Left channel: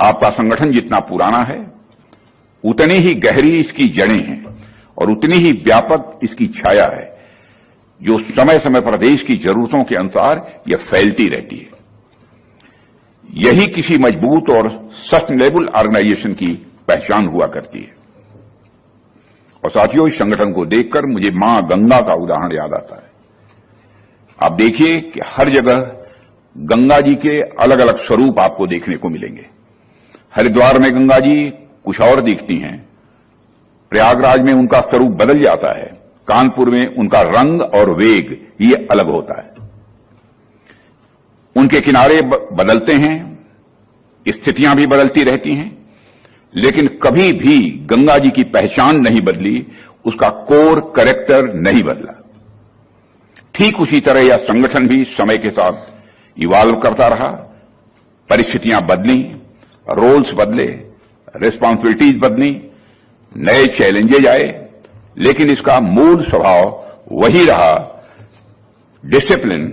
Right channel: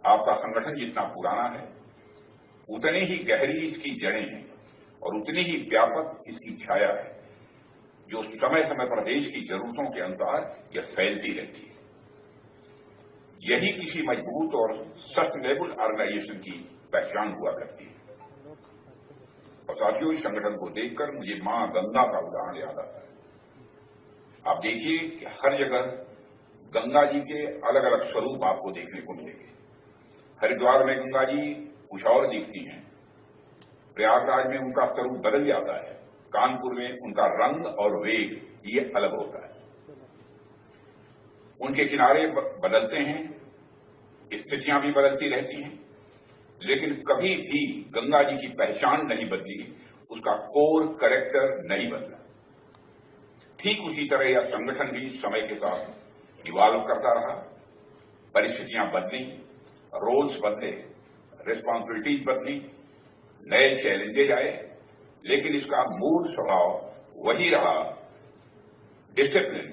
आपका संगठन जितना पुराना है उतनी ही गहरी इसकी जड़ें हैं और उतनी ही व्यापक इसकी छाया है, जो समय समय पर देश की जरूरतों के अनुसार यह फैलती रहती है। यही किसी मजबूत और सस्टेनेबल ऑर्गेनाइजेशन की पहचान हुआ करती है। और साथियों, इस संगठन को देखकर मुझे मां गंगा का उदाहरण याद आता है। आप देखिए कि हर जगह गंगा जी के अलग अलग स्वरूप आपको देखने को मिलेंगे। हरिद्वार में गंगा जी कुछ और दिखती हैं, प्रयागराज में उनका स्वरूप बदल जाता है, कानपुर में उनका रंग और वेग ये अलग होता है। उनके किनारे बदलते हैं, स्थितियां भी बदलती रहती हैं, लेकिन कभी भी गंगा जी की पहचान नहीं बदली, उसका कोर कैरेक्टर नहीं बदला। ठीक उसी तरह यह संगठन भी समय के साथ इवॉल्व करता रहा। परिस्थितियां बदली, रोल्स बदले, रिस्पॉन्सिबिलिटीज बदली, नए चैलेंजेज आए, लेकिन इसका मूल स्वभाव वही रहा, discipline,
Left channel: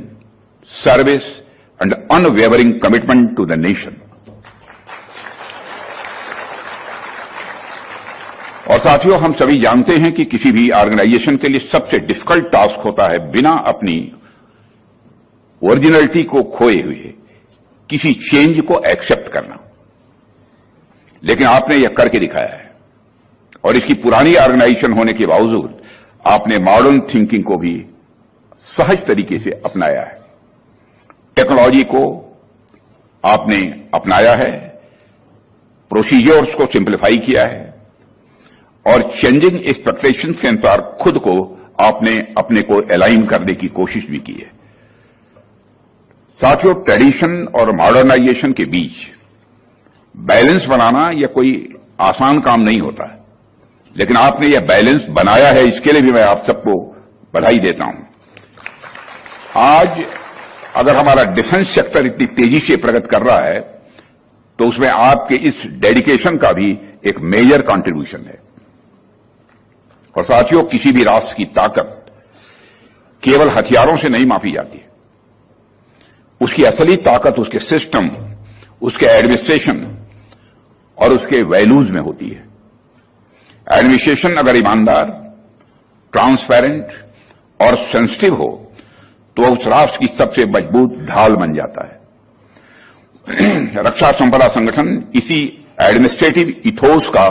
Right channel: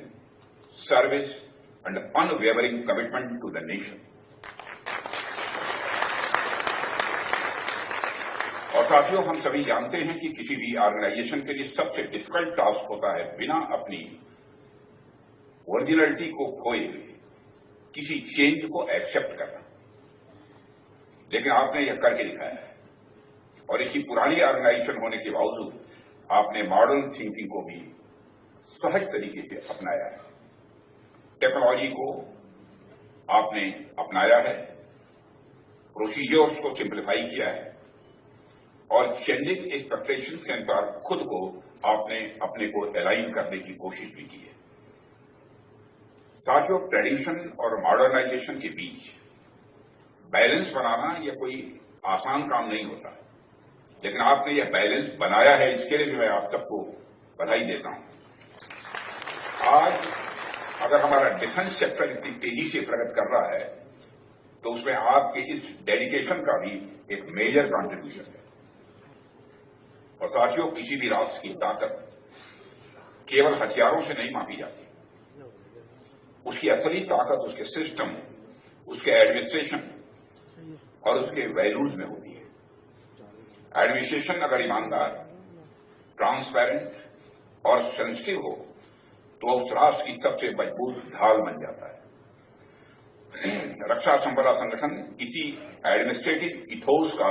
service and unwavering commitment to the nation. और साथियों, हम सभी जानते हैं कि किसी भी ऑर्गेनाइजेशन के लिए सबसे डिफिकल्ट टास्क होता है बिना अपनी ओरिजिनलिटी को खोए हुए किसी चेंज को एक्सेप्ट करना। लेकिन आपने यह करके दिखाया है और इसकी पुरानी ऑर्गेनाइजेशन होने के बावजूद आपने मॉडर्न थिंकिंग को भी सहज तरीके से अपनाया है। टेक्नोलॉजी को आपने अपनाया है, प्रोसीजर्स को सिंप्लीफाई किया है और चेंजिंग एक्सपेक्टेशंस के अनुसार खुद को आपने अपने को अलाइन करने की कोशिश भी की है। साथियों, ट्रेडिशन और मॉडर्नाइजेशन के बीच बैलेंस बनाना यह कोई आसान काम नहीं होता है, लेकिन आपने यह बैलेंस बनाया है, इसके लिए भी मैं आप सबको बधाई देता हूं। आज अगर हमारा डिफेंस सेक्टर इतनी तेजी से प्रगति कर रहा है तो उसमें आपके इस डेडिकेशन का भी एक मेजर कंट्रीब्यूशन है। और साथियों, किसी भी राष्ट्र की ताकत केवल हथियारों से नहीं मापी जाती है। उसकी असली ताकत उसके सिस्टम, उसके एडमिनिस्ट्रेशन और उसके वैल्यूज में होती है। एडमिनिस्ट्रेशन अगर ईमानदार, ट्रांसपेरेंट और सेंसिटिव हो तो उस राष्ट्र की सबसे मजबूत ढाल बन जाता है। रक्षा संपदा संगठन इसी एडमिनिस्ट्रेटिव इथोस का